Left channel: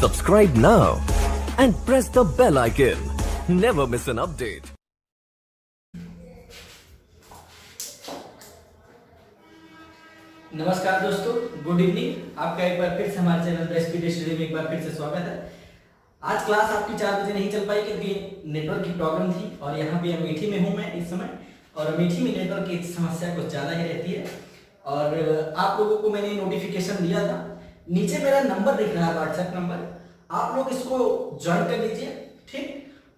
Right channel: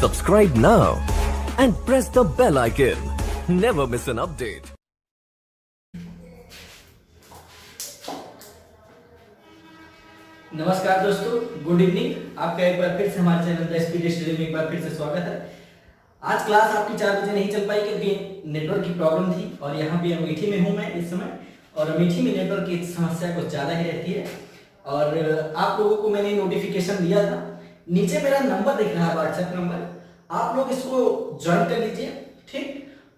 Subscribe now and press the bell icon. Never miss an update. नमस्कार दोस्तों, good evening. आपका एक बार फिर से हमारे चैनल द स्पीड स्टडी में एक बार फिर से स्वागत है। आज क्लास आपकी 4 बजे नहीं चल पाई क्योंकि नेटवर्क की प्रॉब्लम थी और यहाँ पे अमेठी में हूँ मैं इस समय, और अमेठी में नेटवर्क की समस्या कुछ ज़्यादा ही रहती है। और आप लोगों को मैंने नोटिफिकेशन दिया था, नीचे मेरा नंबर दिख रहा है, व्हाट्सएप नंबर, आप लोग इसको ज्वाइन कर लीजिए, ठीक,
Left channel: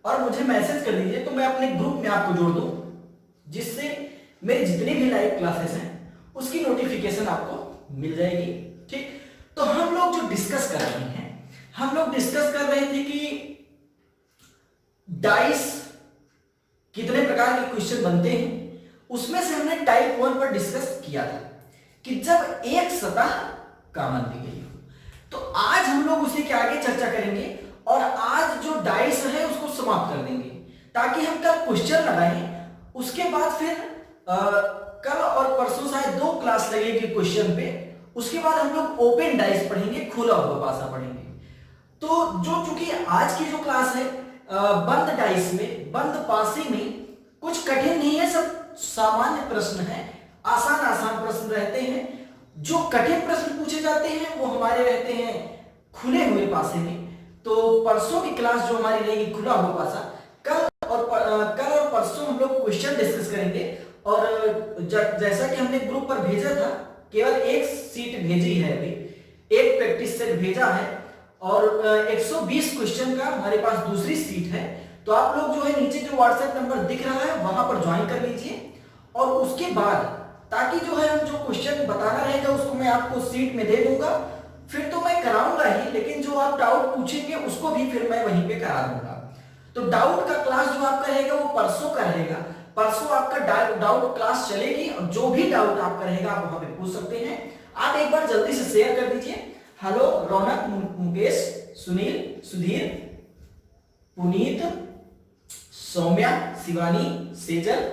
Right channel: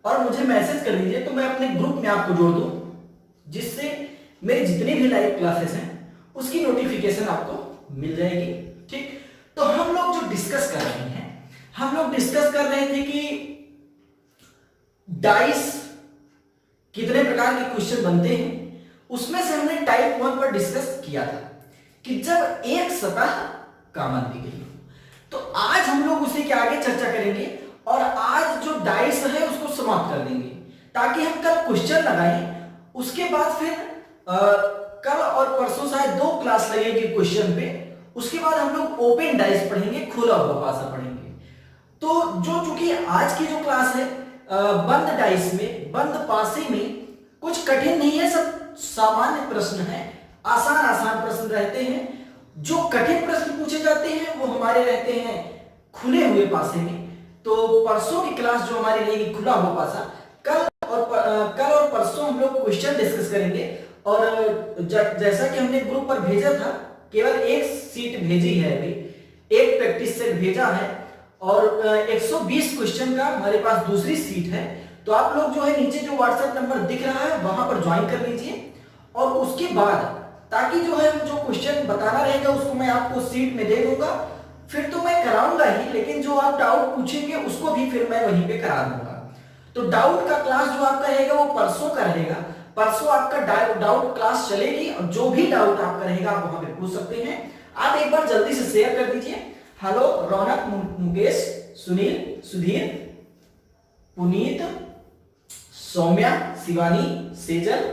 और मुझे मैसेज कर दीजिए तो मैं अपने ग्रुप में आपको जोड़ दूँ, जिससे मेरी जितनी भी लाइव क्लासेस हैं उसकी नोटिफिकेशन आपको मिल जाएगी, ठीक। तो हम लोग जो डिस्कस कर रहे हैं, हम लोग डिस्कस कर रहे थे कि डाइस कितने प्रकार के क्वेश्चन बनते हैं। उसमें से हमने टाइप 1 पर डिस्कस किया था कि जब एक सतह कॉमन दी गई हो। तो आज हम लोग उसी के आगे चर्चा करेंगे और आज जो डाइस है उसको समाप्त कर देंगे ताकि हम कल क्वेश्चन लगाएं। उसके बाद फिर कल और परसों शायद 2 क्लास लगेगी क्वेश्चन पे। उसके बाद हम लोग ओपन डाइस पढ़ेंगे, खुला हुआ पासा पढ़ेंगे। तो जो चूंकि आज की जो क्लास है बंद डाइस में, बंद पासे में कुछ कठिन नहीं है, सब सामान्य प्रश्न है, आसान आसान प्रश्न रहते हैं। जो कठिन प्रश्न पूछे जाते हैं वो हमारे रहते हैं खुले हुए पासे में। तो परसों की क्लास जो हमारी रहेगी खुला हुआ पासा, कल और परसों हम लोग क्वेश्चन डिस्कस करेंगे। और जैसा कि हमने ग्रुप पर भेजा था, केवल एक सीट भेजी है, अभी एक प्रैक्टिस सेट भेजा है और 120 क्वेश्चन का हमारे पास दूसरी सीट है। तो आप लोग जो है नीचे जो व्हाट्सएप नंबर दिख रहा है वहां पर ज्वाइन कर लीजिए, और उसके बाद ताकि जो है हम जो क्वेश्चन बताना रहेगा उसको मैं आपको सीट में दे दूंगा। फिर तो मैं कराऊंगा ही, लेकिन जो आप डाउट पूछेंगे उसको भी फिर मैं वहीं पे करा दूंगा। तो डाउट का क्लास जो आपका रहेगा वो परसों का रहेगा। परसों आपका डाउट क्लास चलेगी और जो भी डाउट आपका रहेगा आप वहां पे पूछ सकते हैं। आप एक बार जल्दी से शेयर कर दीजिए। हेलो रौनक, मुकेश, सुनील, सुधीर, पुनीत, सौम्या, शिवानी, सेजल,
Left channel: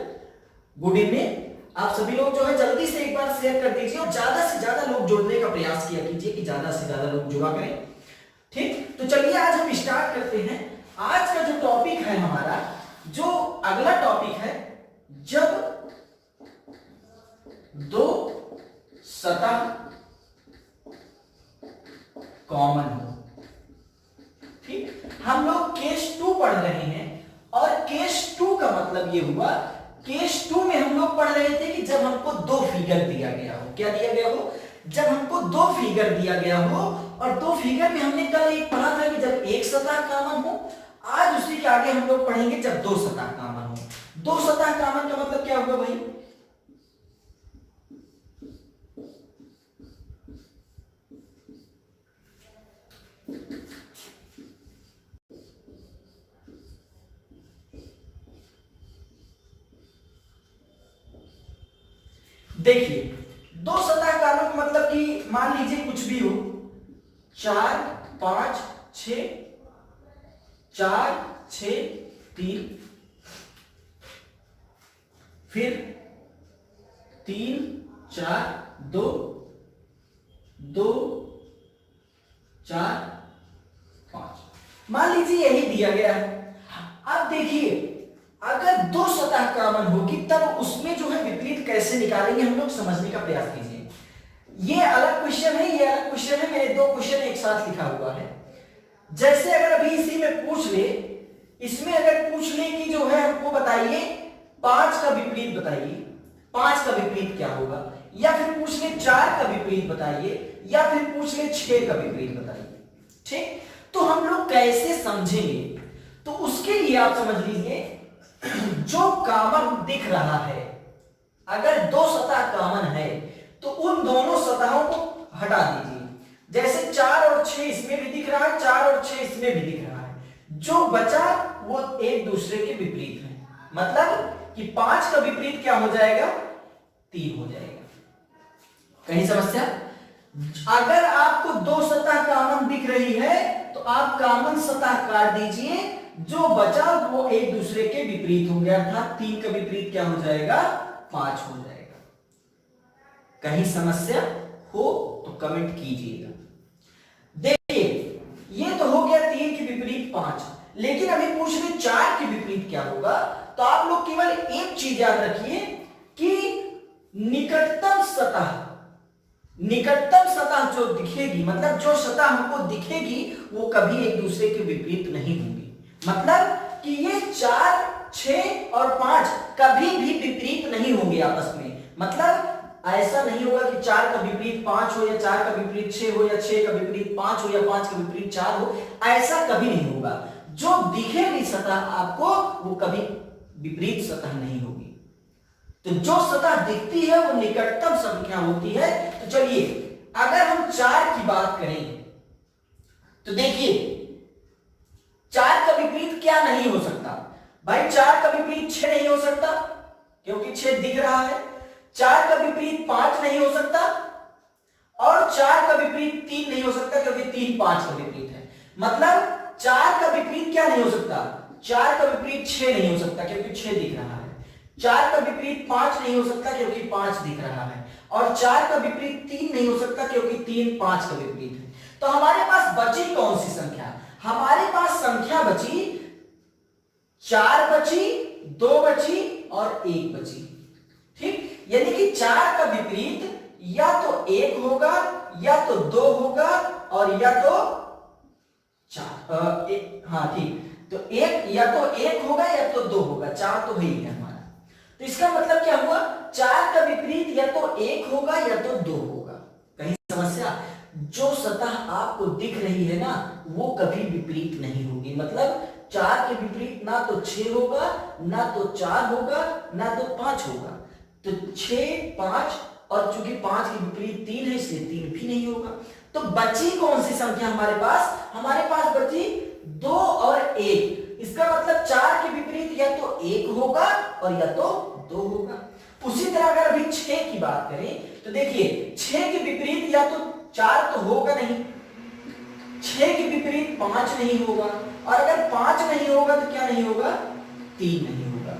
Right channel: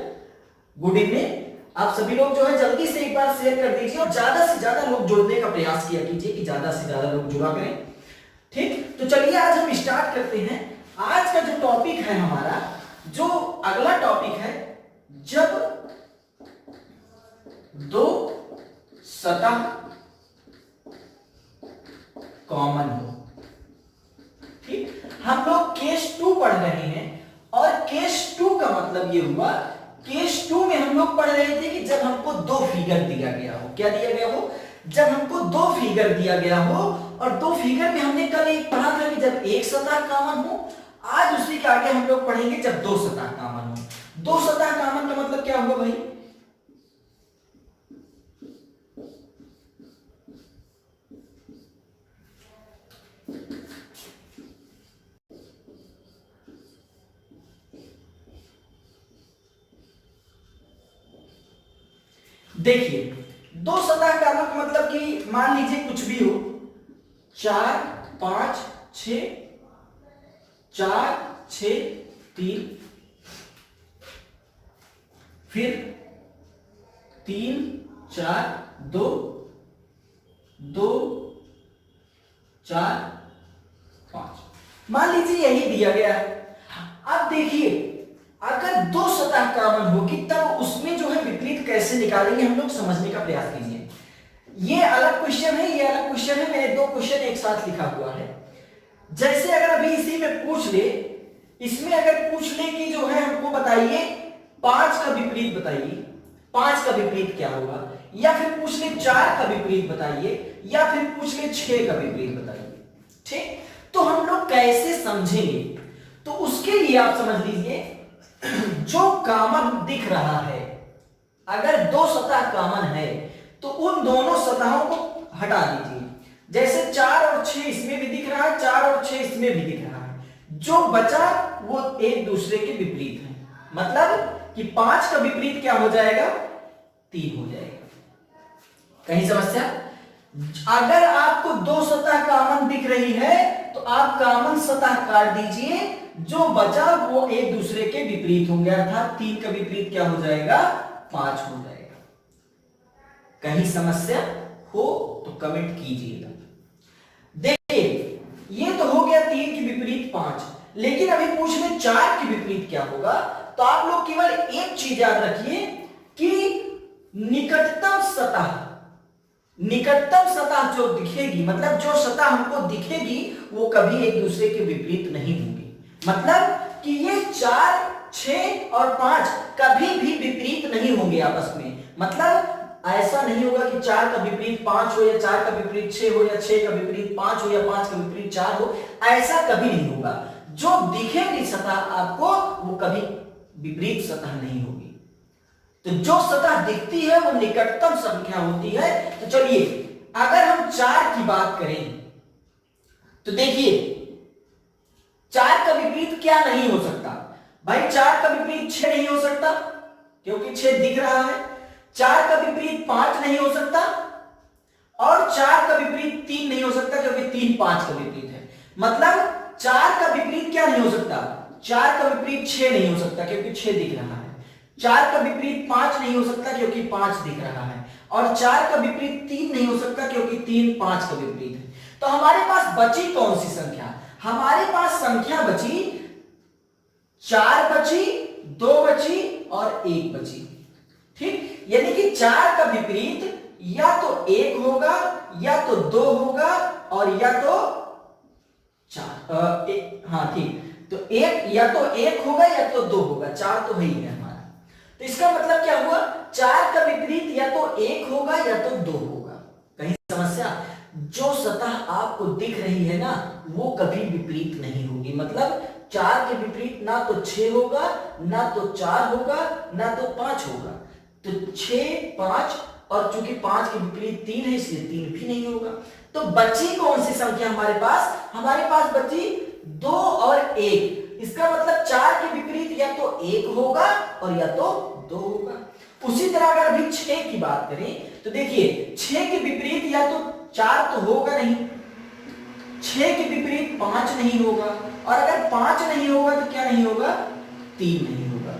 गुड इवनिंग। आप सभी लोग जो है जल्दी से एक बार शेयर कर दीजिए और ज्यादा से ज्यादा लोग जुड़ने का प्रयास किया कीजिए कि ज्यादा से ज्यादा लोग जुड़ा करें, ठीक। तो चलिए आज हम स्टार्ट करते हैं। आज का जो टॉपिक है हमारा, जो अगला टॉपिक है, जब दो सतह कॉमन हो, ठीक। हम लोग केस 2 पढ़ रहे हैं और केस 2 का मतलब ये हुआ, केस 2 में हम लोग पढ़ रहे थे कि जब हमको 2 फिगर दिया गया हो। क्या दिया गया हो? जब हमको 2 फिगर दिया गया हो, और 2 फिगर में हमने कल एक पढ़ा था कि जब एक सतह कॉमन हो। आज उसी के आगे हम लोग पढ़ेंगे जब 2 सतह कॉमन हो। 2 सतह कॉमन का मतलब क्या हुआ भाई? देखिए, 2 सतह कॉमन का मतलब कि मान लीजिए कुछ भी हो, 4 5 6, 4 6 3, फिर 3 4 2 2 4 5, मान लीजिए यही दिया गया है। अब देखिए, अगर 2 सतह कॉमन होगी तब उसमें जो है विपरीत कैसे निकालेंगे, हम लोग समझने का प्रयास कीजिए। ये अलग क्वेश्चन है, ये अलग क्वेश्चन है, मैंने 2 क्वेश्चन एक साथ लिखा हुआ है। जैसे अगर अभी इसी में पूछ ले, इसमें अगर पूछ ले कि जो है हमको बताइए 5 का विपरीत बताइए, 5 का विपरीत क्या होगा, या फिर पूछ ले 4 का विपरीत बताइए, या फिर पूछ ले 6 का विपरीत बताइए, ठीक। तो हम लोग कैसे समझेंगे? तो उसके लिए आप समझ लीजिए, जो कॉमन दिख रहा है, अगर 2 सतह कॉमन है तो उन दोनों सतहों को हटा दीजिए। जैसे 4 और 6 इसमें भी दिख रहा है, 4 और 6 इसमें भी दिख रहा है, जो बचा वो एक दूसरे के विपरीत है। मतलब कि 5 का विपरीत क्या हो जाएगा? 3 हो जाएगा। कहीं समस्या? अगर आपको 2 सतह कॉमन दिख रही है तो आप कॉमन सतह काट दीजिए, जो बचा वो एक दूसरे के विपरीत होंगे, अर्थात 3 का विपरीत क्या हो जाएगा? 5 हो जाएगा। कहीं समस्या हो तो कमेंट कीजिएगा। देखिए, ये तो 5। लेकिन अभी पूछ रहे 4 के विपरीत क्या होगा, तो आप लोग केवल एक चीज याद रखिए कि निकटतम सतह जो दिखेगी, मतलब जो सतह हमको दिखेगी वो कभी एक दूसरे के विपरीत नहीं होगी। मतलब कि ये 4, 6 और 5 कभी भी विपरीत नहीं होंगे आपस में। मतलब ऐसा नहीं होगा कि 4 का विपरीत 5 हो या 4 का विपरीत 6 हो या 6 का विपरीत 5 हो या 5 का विपरीत 4 हो, ऐसा कभी नहीं होगा। जो दिखेगी सतह आपको वो कभी विपरीत सतह नहीं होगी। तो जो सतह दिखती है वो निकटतम संख्या होती है। तो चलिए अगर हम 4 की बात करें तो देखिए 4 का विपरीत क्या नहीं हो सकता भाई, 4 का विपरीत 6 नहीं हो सकता क्योंकि 6 दिख रहा है, 4 का विपरीत 5 नहीं हो सकता, और 4 का विपरीत 3 नहीं हो सकता क्योंकि 3 5 का विपरीत है। मतलब 4 का विपरीत क्या नहीं हो सकता, 4 का विपरीत 6 नहीं हो सकता क्योंकि 6 दिख रहा है, 4 का विपरीत 5 नहीं हो सकता क्योंकि 5 दिख रहा है, और 4 का विपरीत 3 नहीं हो सकता क्योंकि 3 5 का विपरीत है। तो हमारे पास बची कौन सी संख्या, हमारे पास संख्या बची 4 बची, 2 बची और 1 बची। ठीक, यानी कि 4 का विपरीत या तो 1 होगा या तो 2 होगा और या तो 4, हाँ ठीक, तो 1 या तो 1 होगा या तो 2 होगा, 4 तो वही है हमारा। तो इसका मतलब क्या हुआ, 4 का विपरीत या तो 1 होगा या तो 2 होगा। कहीं समस्या, जो सतह आपको दिख रही है ना वो कभी विपरीत नहीं होगी। मतलब 4 के विपरीत ना तो 6 होगा, ना तो 4 होगा, ना तो 5 होगा। तो 6 5 और चूंकि 5 के विपरीत 3 है इसलिए 3 भी नहीं होगा। तो बची कौन सी संख्या हमारे पास बची 2 और 1। इसका मतलब 4 के विपरीत या तो 1 होगा और या तो 2 होगा। उसी तरह अगर अभी 6 की बात करें तो देखिए 6 के विपरीत या तो 4 तो होगा नहीं, 6 के विपरीत 5 नहीं होगा, और अगर 5 नहीं होगा तो क्या नहीं होगा, 3 नहीं होगा।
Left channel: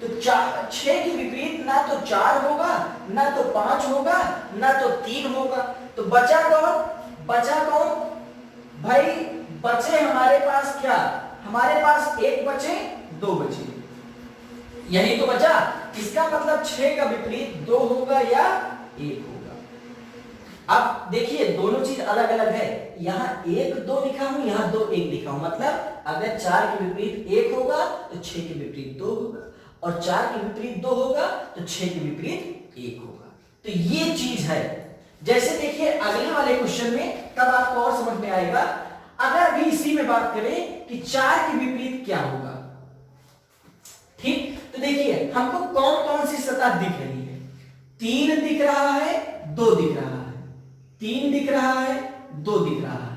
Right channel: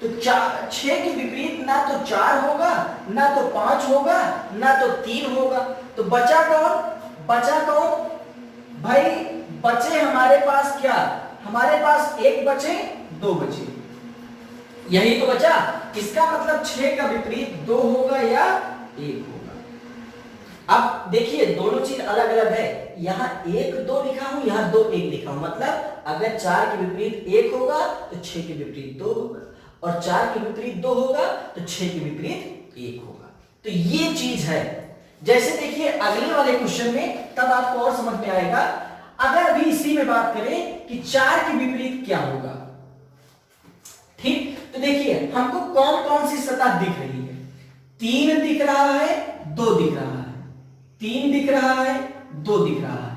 तो 6 के विपरीत ना तो 4 होगा, ना तो 5 होगा, ना तो 3 होगा। तो बचा कौन भाई, बचे हमारे पास क्या, हमारे पास 1 बचे, 2 बचे, यही तो बचा। इसका मतलब 6 का विपरीत 2 होगा या 1 होगा। अब देखिए दोनों चीज अलग अलग है, यहां 1 2 लिखा हूं, यहां 2 1 लिखा हूं। मतलब अगर 4 के विपरीत 1 होगा तो 6 के विपरीत 2 होगा, और 4 के विपरीत 2 होगा तो 6 के विपरीत 1 होगा। तो ये चीज है। जैसे देखिए अगले वाले क्वेश्चन में तब आपको और समझ में आएगा। अगर अभी इसी में बात करें कि 4 के विपरीत क्या होगा, ठीक, तो देखिए हमको कौन कौन सी सतह दिख रही है, 3 दिख रहा है, 2 दिख रहा है, 3 दिख रहा है, 2 दिख रहा है।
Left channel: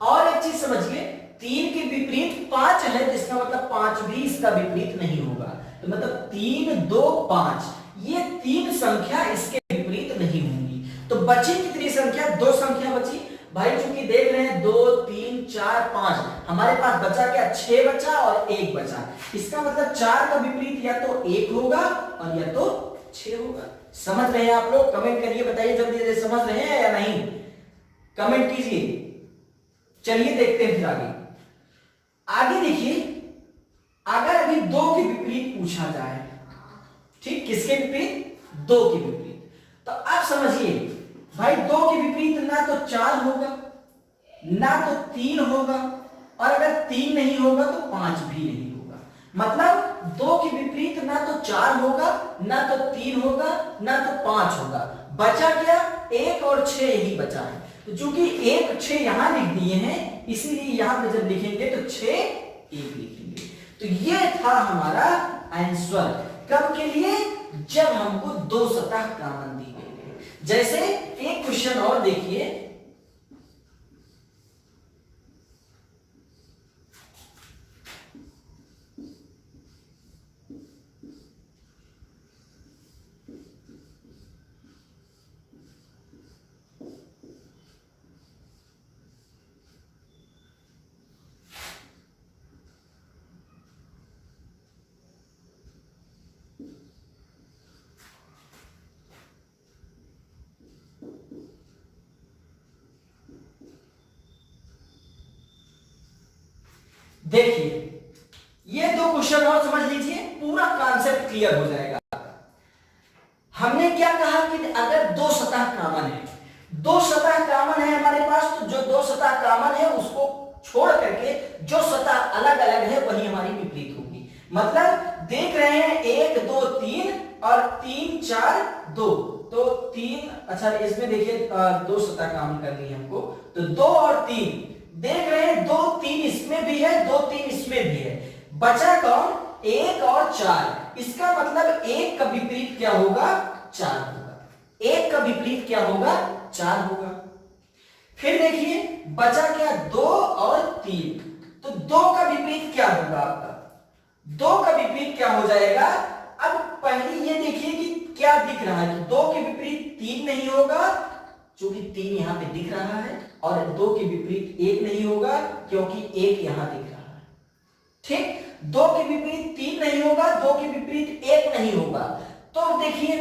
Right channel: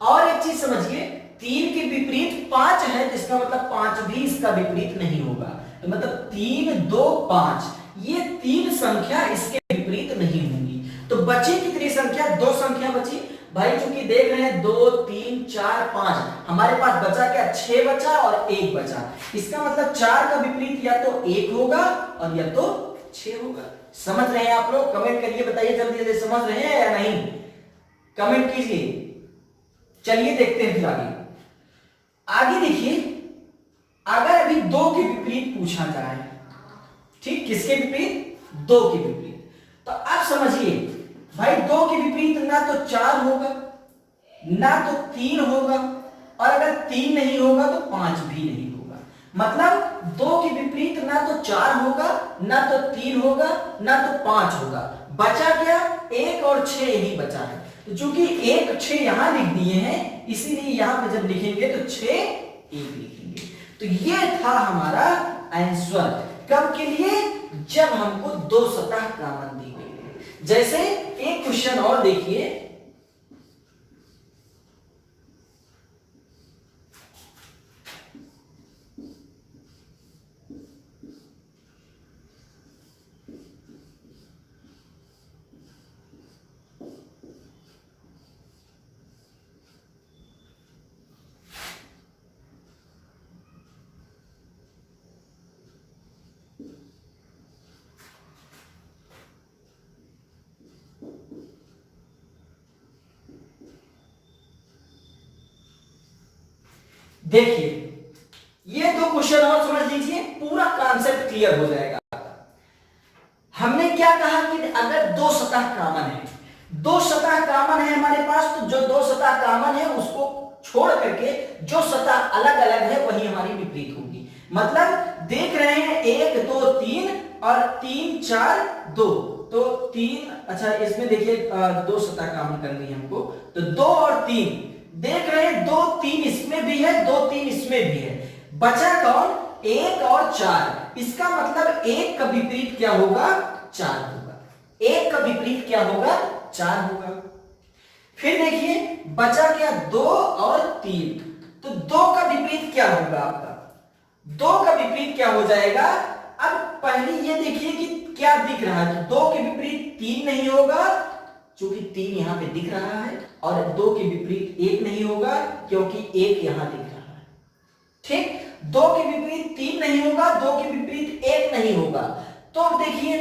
और एक चीज समझिए, 3 के विपरीत 5 है, जिसका मतलब 5 भी इसका विपरीत नहीं होगा। तो मतलब 3 2 5, ये 3 संख्या इसके विपरीत नहीं होंगी। तो बची कितनी संख्या, 2 संख्या बची भाई। चूंकि देख रहे हैं 2 3 4 5, हमारे पास बचा क्या, 6 बचा और 1 बचा। इसका मतलब 4 का विपरीत या तो 1 होगा और या तो 6 होगा। समझ रहे हैं आप लोग, कमेंट करिए, बताइए जल्दी जल्दी समझ रहे हैं या नहीं, कमेंट कीजिए। चलिए देखते हैं फिर आगे देखिए, अगर अभी 2 के विपरीत पूछा जाए, ठीक, किसके विपरीत, 2 के विपरीत, तो आप समझिए भाई 2 के विपरीत ना तो 4 होगा, ना तो 3 होगा, और अगर 3 नहीं होगा तो 5 भी नहीं होगा। मतलब 2 के विपरीत ना तो 4 होगा, ना तो 3 होगा, ना तो 5 होगा। बचा क्या, 1 और 6 ही बचा है। तो चूंकि 1 6 यहां लिख दिए हैं, इसीलिए यहां पे जब लिखेंगे तो 6 1 लिखेंगे। तो ये था हमारा आंसर, कब के लिए, जब हमको 2 सतह कॉमन दी गई है। जैसे एक क्वेश्चन और देखिए, देखिए ये दो क्वेश्चन और समझ लीजिए, पूरा कॉन्सेप्ट क्लियर हो जाएगा। हमने क्या कहा कि अगर दो सतह कॉमन है, दो सतह कॉमन है हमारे पास, तो जो दो सतह कॉमन है उसको छोड़ करके जो सतह अलग अलग है वही हमारी विपरीत होगी। मतलब देख रहे हैं 1 2 3 और 3 4 2, तो 3, अच्छा इसमें देखिए दो सतह कॉमन करनी है हमको, तो 2 और 3 देख रहे हैं, 2 3 इसमें भी है, 2 3 इसमें भी है, बचा कौन? 1 और 4। इसका मतलब 1 का विपरीत क्या होगा? 4 होगा। 1 का विपरीत क्या होगा? 4 होगा। फिर देखिए बचा क्या? 2 और 3, तो 2 का विपरीत क्या होगा आपका? 2 का विपरीत क्या हो जाएगा? अब पहले ये देखिए कि क्या दिख रहा है, तो 2 के विपरीत 3 नहीं होगा क्योंकि 3 यहां पे दिख रहा है, और 2 के विपरीत 1 नहीं होगा क्योंकि 1 यहां दिख रहा है। ठीक, 2 के विपरीत 3 नहीं होगा, 2 के विपरीत 1 नहीं होगा। तो देखिए,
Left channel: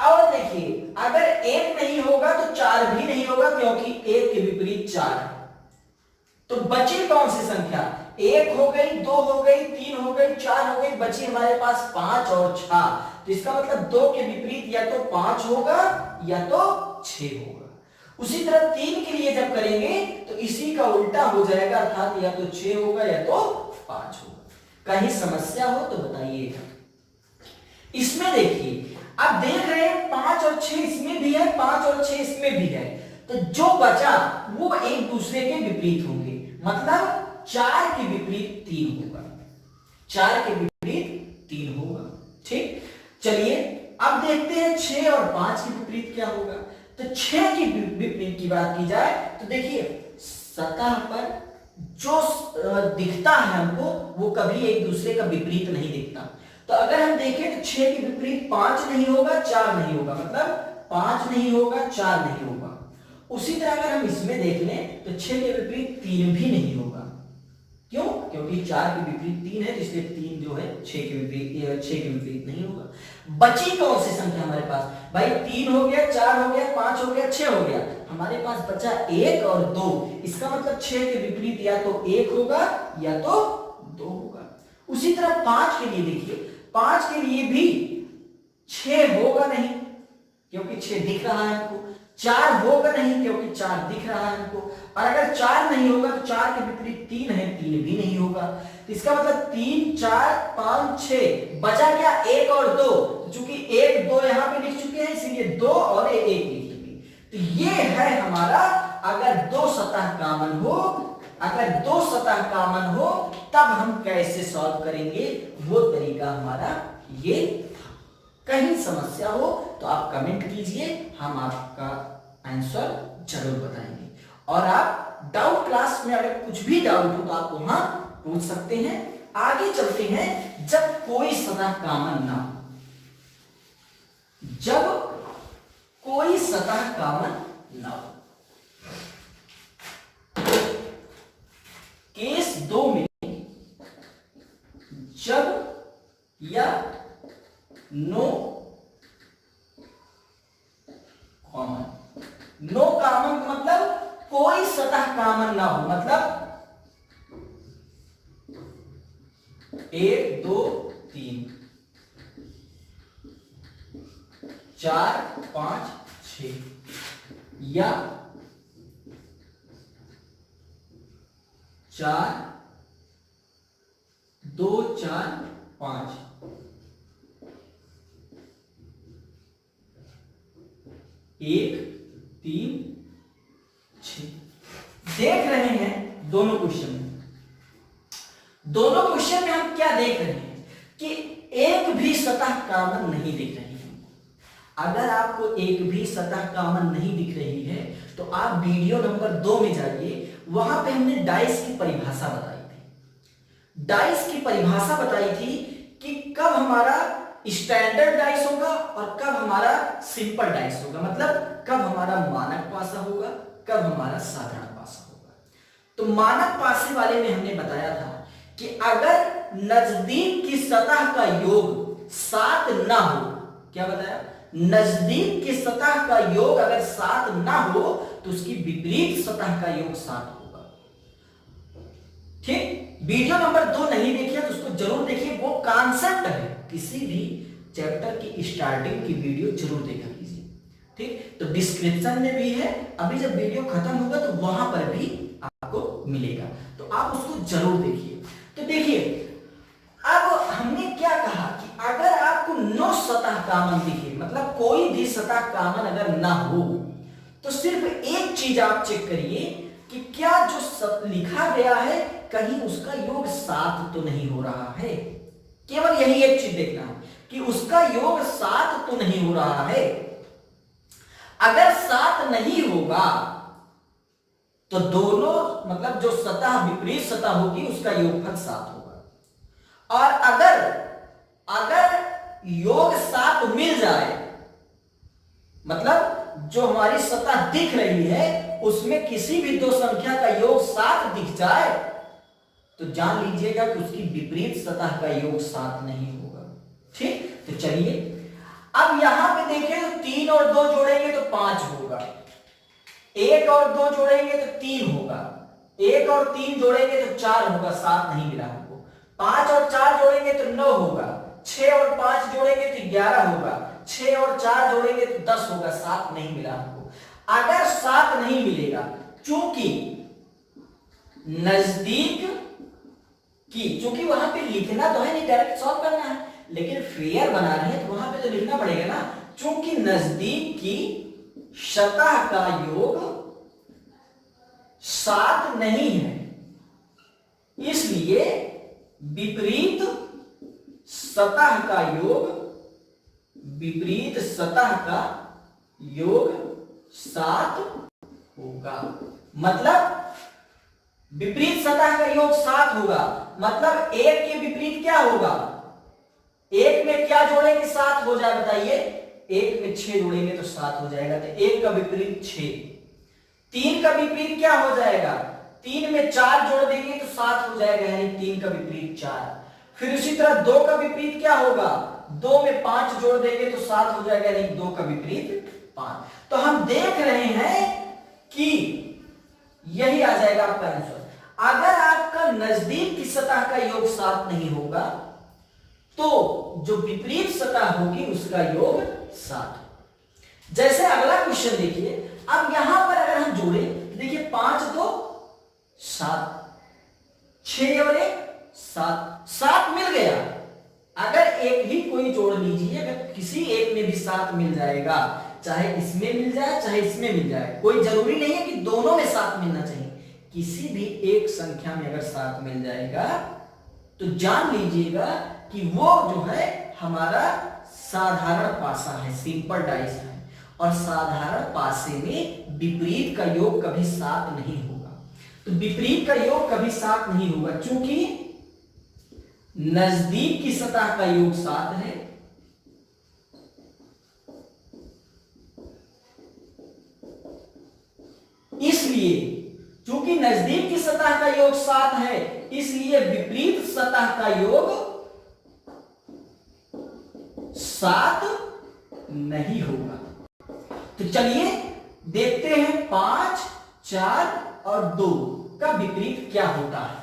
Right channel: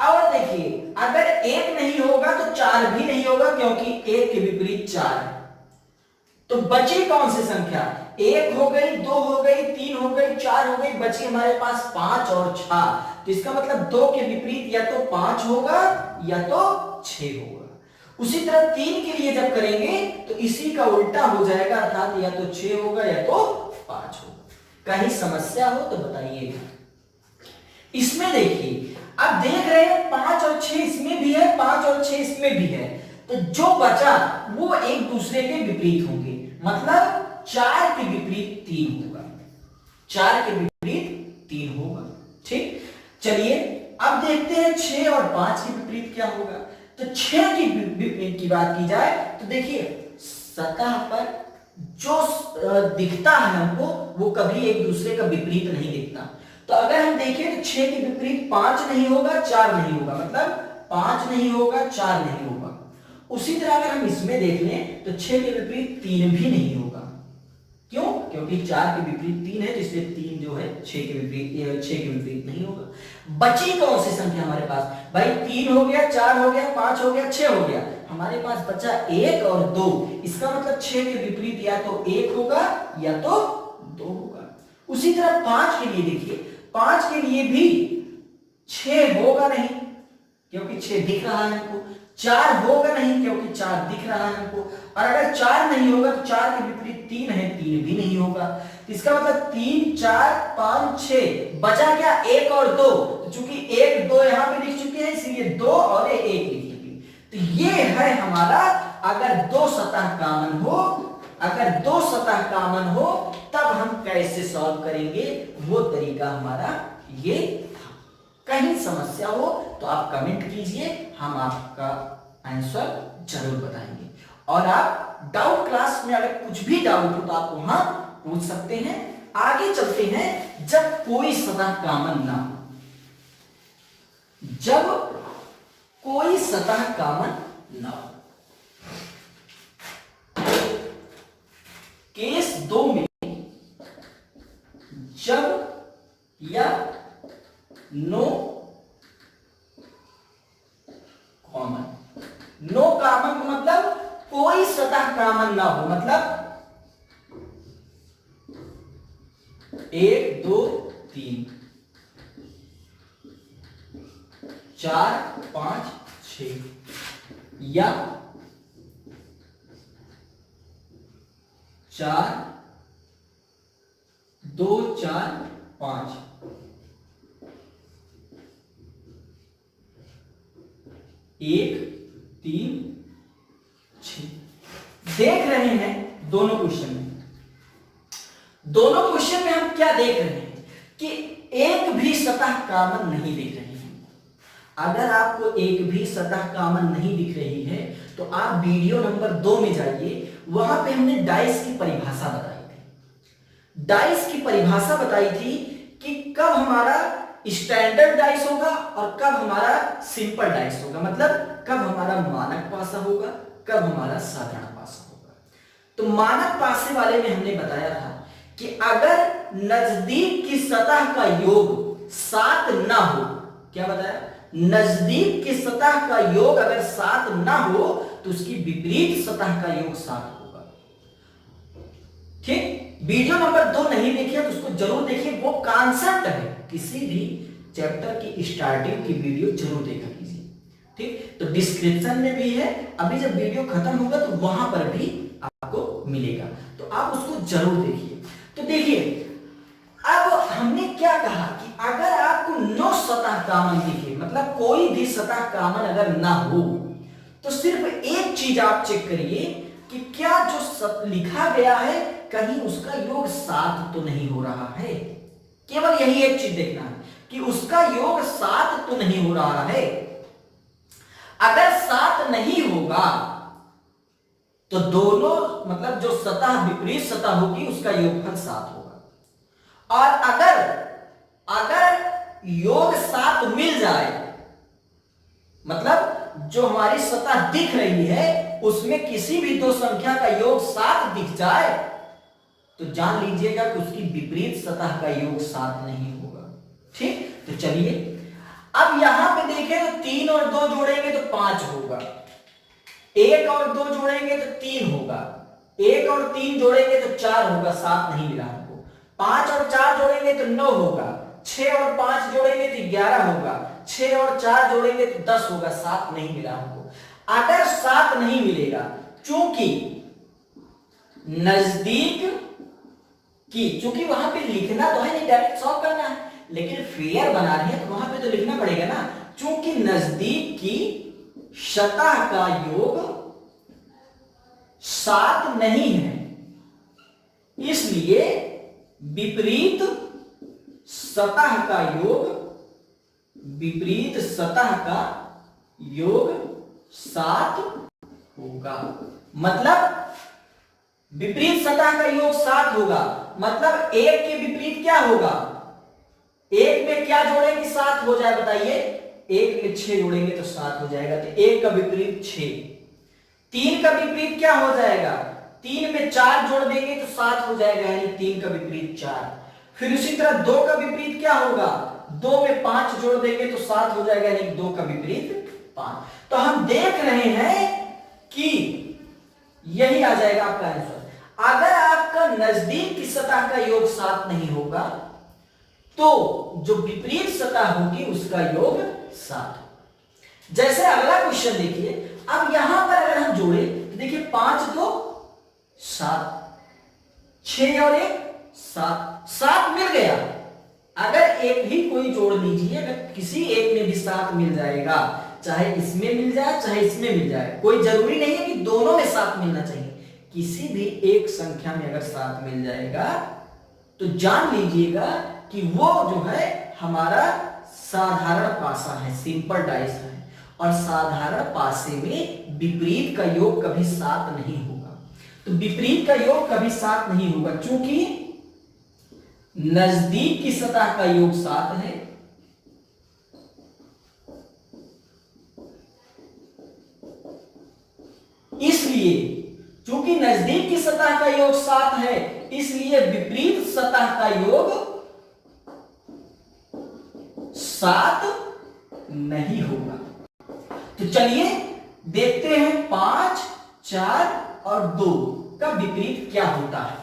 और देखिए अगर 1 नहीं होगा तो 4 भी नहीं होगा क्योंकि 1 के विपरीत 4 है। तो बची कौन सी संख्या? 1 हो गई, 2 हो गई, 3 हो गई, 4 हो गई, बची हमारे पास 5 और 6। तो इसका मतलब 2 के विपरीत या तो 5 होगा या तो 6 होगा। उसी तरह 3 के लिए जब करेंगे तो इसी का उल्टा हो जाएगा, अर्थात या तो 6 होगा या तो 5 होगा। कहीं समस्या हो तो बताइएगा। इसमें देखिए अब देख रहे हैं 5 और 6 इसमें भी है, 5 और 6 इसमें भी है, तो जो बचा वो एक दूसरे के विपरीत होंगे। मतलब 4 के विपरीत 3 होगा, 4 के विपरीत 3 होगा। ठीक, चलिए अब देखते हैं 6 और 5 के विपरीत क्या होगा। तो 6 के विपरीत की बात की जाए तो देखिए सतह पर जो दिखता है हमको वो कभी एक दूसरे का विपरीत नहीं दिखता। तो अगर हम देखें तो 6 के विपरीत 5 नहीं होगा, 4 नहीं होगा, मतलब 5 नहीं होगा, 4 नहीं होगा। उसी तरह अगर हम इसमें देख लें तो 6 के विपरीत 3 भी नहीं होगा। क्यों? क्योंकि 4 के विपरीत 3 है, तो इसलिए 3 जो है 6 के विपरीत नहीं होगा। बची कौन सी संख्या हमारे पास? भाई 3 हो गया, 4 हो गया, 5 हो गया, 6 हो गया, हमारे पास बचा 1 और 2। इसका मतलब 6 के विपरीत या तो 1 होगा या तो 2 होगा। उसी तरह 5 के लिए देखिए, 5 के लिए भी 6 होगा नहीं क्योंकि 6 दिख रहा है हमको, 4 होगा नहीं क्योंकि 4 दिख रहा है हमको, और अगर 4 नहीं होगा तो 4 के विपरीत 3 है, 3 भी नहीं होगा। तो इसका मतलब 3 4 5 6, बचा क्या? 1 और 2। तो चूंकि 1 2 यहां पे लिख चुके हैं इसलिए 2 और 1 लिखेंगे। तो ये है हमारा, अगर दो सतह कॉमन हो, अगर दो सतह कॉमन हो तब हम कैसे सॉल्व करेंगे, वो तरीका हमारा ये था। कहीं समस्या हो तो आप कमेंट कीजिए, हम आपका आंसर जरूर बताएंगे। और आप डाउट क्लास में अगर कुछ भी डाउट हो तो आप वहां पूछ सकते हैं। आगे चलते हैं, जब कोई सतह कॉमन ना हो, जब कोई सतह कॉमन ना हो। केस 2 में जब या नो कॉमन, नो कॉमन मतलब कोई सतह कॉमन ना हो, मतलब 1 2 3 4 5 6, या 4 2 4 5, 1 3 6। देख रहे हैं दोनों क्वेश्चन में, दोनों क्वेश्चन में हम क्या देख रहे हैं कि एक भी सतह कॉमन नहीं दिख रही है। अगर आपको एक भी सतह कॉमन नहीं दिख रही है तो आप वीडियो नंबर 2 में जाइए, वहां पे हमने डाइस की परिभाषा बताई थी। डाइस की परिभाषा बताई थी कि कब हमारा स्टैंडर्ड डाइस होगा और कब हमारा सिंपल डाइस होगा, मतलब कब हमारा मानक पासा होगा, कब हमारा साधारण पासा होगा। तो मानक पासे वाले में हमने बताया था कि अगर नजदीक की सतह का योग 7 ना हो, क्या बताया? नजदीक की सतह का योग अगर 7 ना हो तो उसकी विपरीत सतह का योग 7 होगा। ठीक, वीडियो नंबर 2 नहीं देखिए तो उसको जरूर देखिए, वो कॉन्सेप्ट है, किसी भी चैप्टर की स्टार्टिंग की वीडियो जरूर देखा कीजिए, ठीक। तो डिस्क्रिप्शन में भी है, अभी जब वीडियो खत्म होगा तो वहां पर भी आपको मिलेगा, तो आप उसको जरूर देखिए। तो देखिए अब हमने क्या कहा कि अगर आपको 9 सतह कॉमन दिखे, मतलब कोई भी सतह कॉमन अगर ना हो, तो सिर्फ एक चीज आप चेक करिए कि क्या जो लिखा गया है कहीं उसका योग 7 तो नहीं हो रहा है। केवल यही एक चीज देखना है कि उसका योग 7 तो नहीं हो रहा है। अगर 7 नहीं होगा तो दोनों मतलब जो सतह विपरीत सतह होगी उसका योगफल 7 होगा। और अगर योग 7 मिल जाए, मतलब जो हमारी सतह दिख रही है उसमें किसी भी दो संख्या का योग 7 दिख जाए तो जान लीजिएगा कि उसकी विपरीत सतह का योग 7 नहीं होगा, ठीक। तो चलिए अब यहां पे देखें तो 3 और 2 जोड़ेंगे तो 5 होगा, 1 और 2 जोड़ेंगे तो 3 होगा, 1 और 3 जोड़ेंगे तो 4 होगा, 7 नहीं मिला हमको। 5 और 4 जोड़ेंगे तो 9 होगा, 6 और 5 जोड़ेंगे तो 11 होगा, 6 और 4 जोड़ेंगे तो 10 होगा, 7 नहीं मिला हमको। अगर 7 नहीं मिलेगा, चूंकि नजदीक की, चूंकि वहां पे लिखना तो है नहीं, डायरेक्ट सॉल्व करना है, लेकिन फेयर बना रहे हैं तो वहां पे तो लिखना पड़ेगा ना। चूंकि नजदीक की सतह का योग 7 नहीं है, इसलिए विपरीत सतह का योग, विपरीत सतह का योग 7 होगा। मतलब विपरीत सतह का योग 7 होगा, मतलब 1 के विपरीत क्या होगा, 1 में क्या जोड़ेंगे 7 हो जाए, बताइए। 1 में 6 जोड़ेंगे तो 7 हो जाएगा, तो 1 का विपरीत 6। 3 का विपरीत क्या हो जाएगा, 3 में 4 जोड़ देंगे तो 7 हो जाएगा, यानी 3 का विपरीत 4। फिर उसी तरह 2 का विपरीत क्या होगा, 2 में 5 जोड़ देंगे तो 7 हो जाएगा, यानी 2 का विपरीत 5। तो हम देख रहे हैं कि यही आ जाएगा आपका आंसर। अगर आपका नजदीक की सतह का योग 7 नहीं होगा तो जो विपरीत सतह होगी उसका योग 7। जैसे अगला क्वेश्चन देखिए, अब यहां पर अगर हम जोड़े तो देखिए 5 2 7, 6 और 1 7, 7 मिल गया। अगर एक ही कोई जोड़ लीजिए, अगर किसी एक में भी 7 मिल जाएगा, चाहे इसमें मिल जाए चाहे इसमें मिल जाए, कोई जरूरी नहीं है कि दोनों में 7 मिलना चाहिए, किसी भी एक संख्या में अगर 7 मिल जाएगा तो जान लीजिएगा कि वो जो है हमारा साधारण पासा है, सिंपल डाइस है, और साधारण पासे में विपरीत का योग कभी 7 नहीं होगा। तो विपरीत का योग कभी 7 नहीं होगा, क्योंकि नजदीक की सतह का योग 7 है, इसलिए चूंकि नजदीक की सतह का योग 7 है, इसलिए विपरीत सतह का योग 7 नहीं होगा। तो चलिए देखते हैं 5 4 और 2 का विपरीत क्या होता है।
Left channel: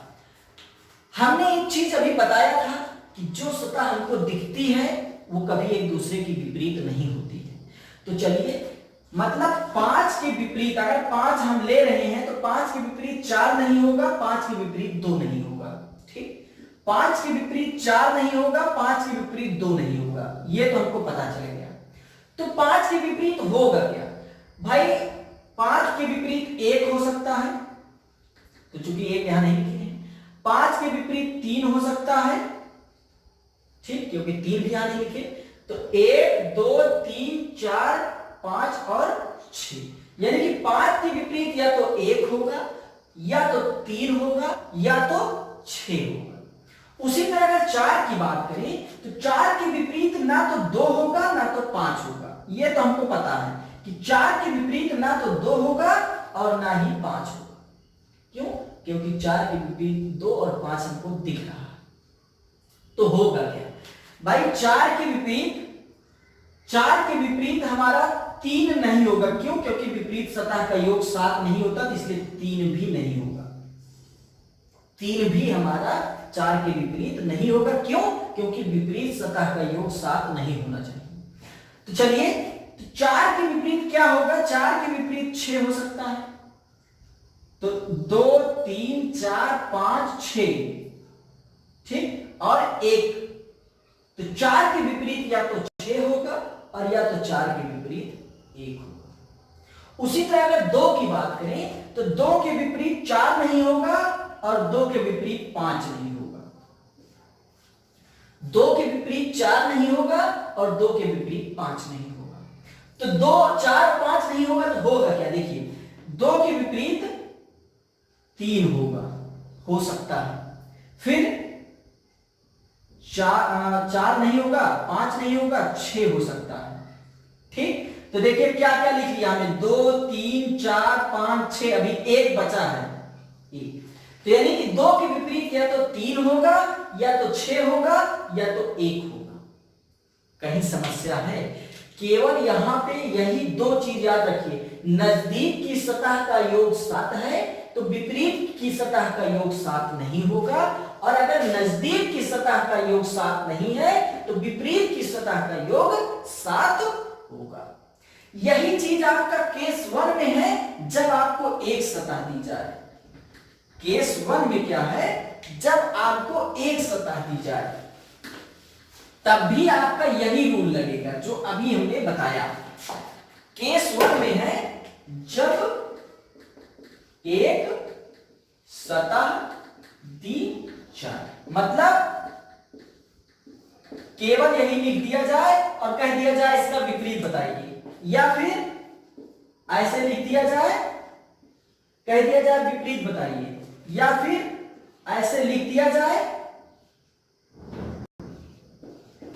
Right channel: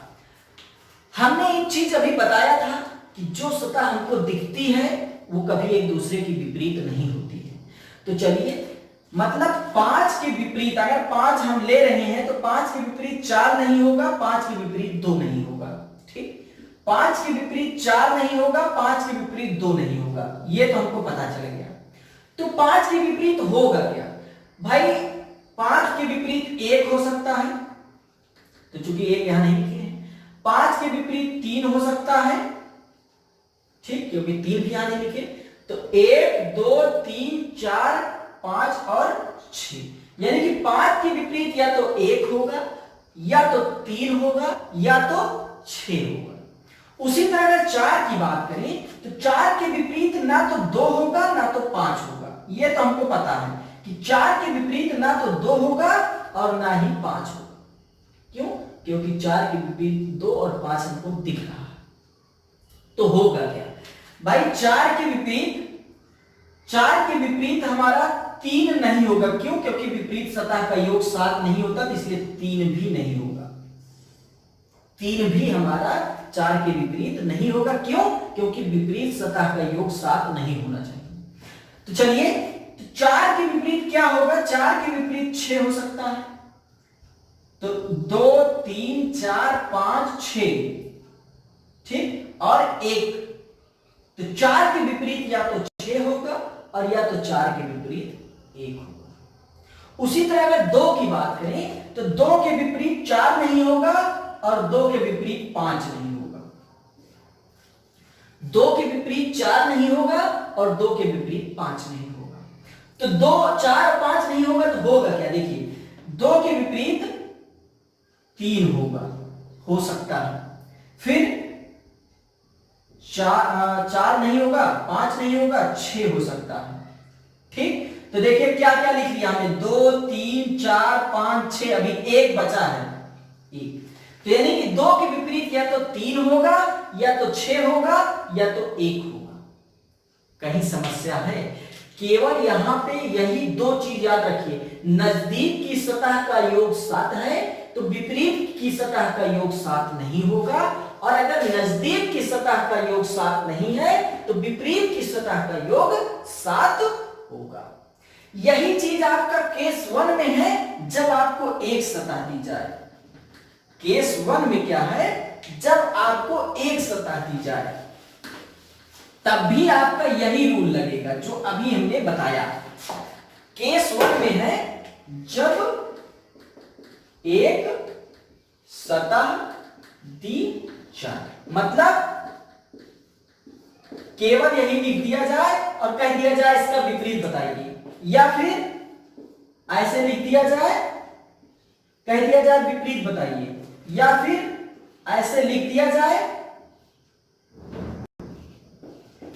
हमने एक चीज अभी बताया था कि जो सतह हमको दिखती है वो कभी एक दूसरे की विपरीत नहीं होती है। तो चलिए, मतलब 5 के विपरीत, अगर 5 हम ले रहे हैं तो 5 के विपरीत 4 नहीं होगा, 5 के विपरीत 2 नहीं होगा, ठीक। 5 के विपरीत 4 नहीं होगा, 5 के विपरीत 2 नहीं होगा, ये तो हमको पता चल गया। तो 5 के विपरीत होगा क्या भाई, 5 के विपरीत 1 हो सकता है, तो चूंकि 1 यहां नहीं लिखे हैं। 5 के विपरीत 3 हो सकता है, ठीक, क्योंकि 3 भी यहां नहीं लिखे। तो 1 2 3 4 5 और 6, यानी कि 5 के विपरीत या तो 1 होगा, या तो 3 होगा, या तो 6 होगा। उसी तरह अगर 4 की बात करें तो 4 के विपरीत ना तो 2 होगा ना तो 5 होगा, यह तो हमको पता है कि 4 के विपरीत ना तो 2 होगा और ना ही 5 होगा। क्यों? क्योंकि 4 के विपरीत 2 और 5 हमको दिख रहा है। तो होगा क्या भाई, 4 के विपरीत हमारा 3 नहीं होगा। क्यों? क्योंकि विपरीत सतह का योग 7 नहीं होता, तो इसलिए 3 भी नहीं होगा। 3 भी हमारा 4 के विपरीत नहीं होगा। क्यों? क्योंकि विपरीत सतह का योग 7 नहीं होना चाहिए। तो चलिए, तो 4 के विपरीत क्या होगा? 4 के विपरीत 6 हो सकता है। तो 2 3 4 5 6, ठीक, और 1। तो 4 के विपरीत या तो 6 होगा और या तो 4 के विपरीत 1 होगा। उसी तरह अगर 2 की बात करें तो 2 के विपरीत 4 नहीं होगा और 2 के विपरीत 5 नहीं होगा। 2 के विपरीत 4 नहीं होगा और 2 के विपरीत 5 नहीं होगा। तो 2 4 और 5 नहीं होगा तो होगा क्या? देखिए, 2 के विपरीत 3 होगा, हो सकता है। फिर 4 नहीं होगा, 5 नहीं होगा, 6 हो सकता है। ठीक, तो देखिए क्या क्या लिख लिया हमने, 2 3 4 5 6, अभी 1 बचा है, 1। तो यानी कि 2 के विपरीत या तो 3 होगा या तो 6 होगा या तो 1 होगा। कहीं समस्या है? केवल यहां पे यही 2 चीज याद रखिए, नजदीक की सतह का योग 7 है तो विपरीत की सतह का योग 7 नहीं होगा, और अगर नजदीक की सतह का योग 7 नहीं है तो विपरीत की सतह का योग 7 होगा। यही चीज आपका केस 1 में है, जब आपको एक सतह दी जाए। केस 1 में क्या है? जब आपको एक सतह दी जाए तब भी आपका यही रूल लगेगा जो अभी हमने बताया। केस 1 में है जब एक सतह दी जाए, मतलब केवल यही लिख दिया जाए और कह दिया जाए इसका विपरीत बताइए, या फिर ऐसे लिख दिया जाए, कह दिया जाए विपरीत बताइए, या फिर ऐसे लिख दिया जाए,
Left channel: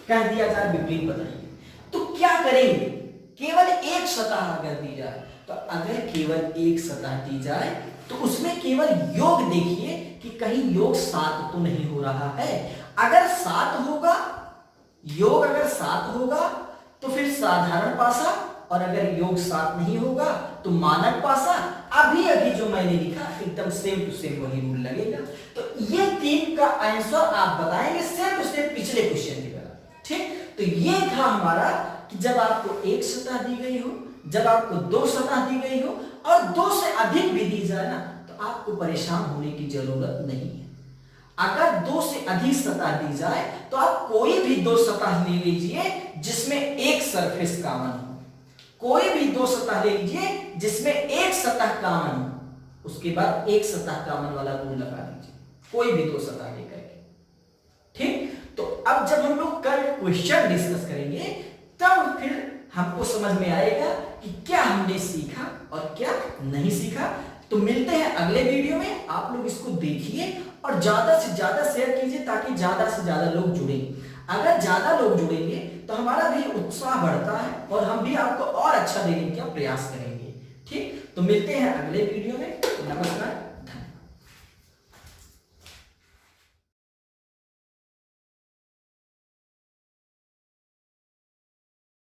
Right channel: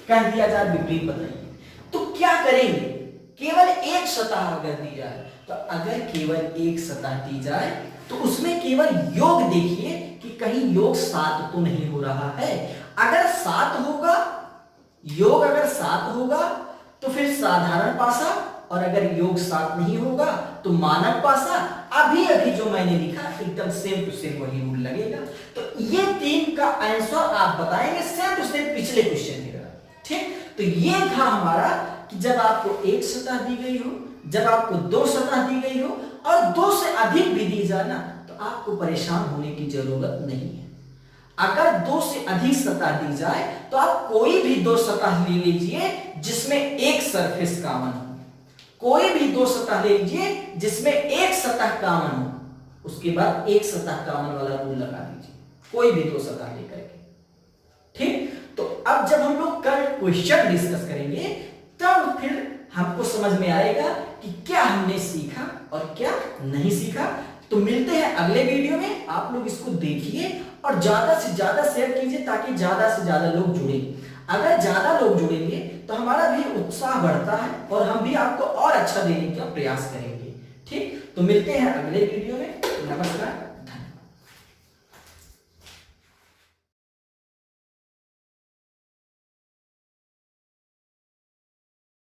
कह दिया जाए विपरीत बताइए। तो क्या करेंगे? केवल एक सतह अगर दी जाए, तो अगर केवल एक सतह दी जाए तो उसमें केवल योग देखिए कि कहीं योग 7 तो नहीं हो रहा है। अगर 7 होगा, योग अगर 7 होगा तो फिर साधारण पासा, और अगर योग 7 नहीं होगा तो मानक पासा। अभी अभी जो मैंने लिखा एकदम सेम टू सेम वही रूल लगेगा। तो ये 3 का आंसर आप बताएंगे सेम टू सेम पिछले क्वेश्चन की तरह। ठीक, तो ये था हमारा कि जब आपको एक सतह दी गई हो, जब आपको 2 सतह दी गई हो और 2 से अधिक भी दी जाए ना, तो आपको परेशान होने की जरूरत नहीं है। अगर 2 से अधिक सतह दी जाए तो आप कोई भी 2 सतह ले लीजिए जिसमें एक सरफेस कॉमन हो, कोई भी 2 सतह ले लीजिए जिसमें एक सतह कॉमन हो, उसके बाद एक सतह कॉमन वाला रूल लगा दीजिए, कोई भी 2 सतह लेकर के। ठीक, तो अब जब हम लोग कल क्वेश्चन डिस्कस करेंगे तब फिर हमको समझ में आएगा कि क्या हमने सीखा और क्या नहीं सीखा। तो मिलते हैं अगले वीडियो में। आप लोग इसको देखिए और ज्यादा से ज्यादा शेयर कीजिए ताकि ज्यादा से ज्यादा लोग जुड़े। अगर ज्यादा लोग जुड़ेंगे तो हमारा भी उत्साह बढ़ता है और हम भी आपको और अच्छा देने का प्रयास करेंगे। ठीक, तो मिलते हैं अगले वीडियो में। नमस्कार।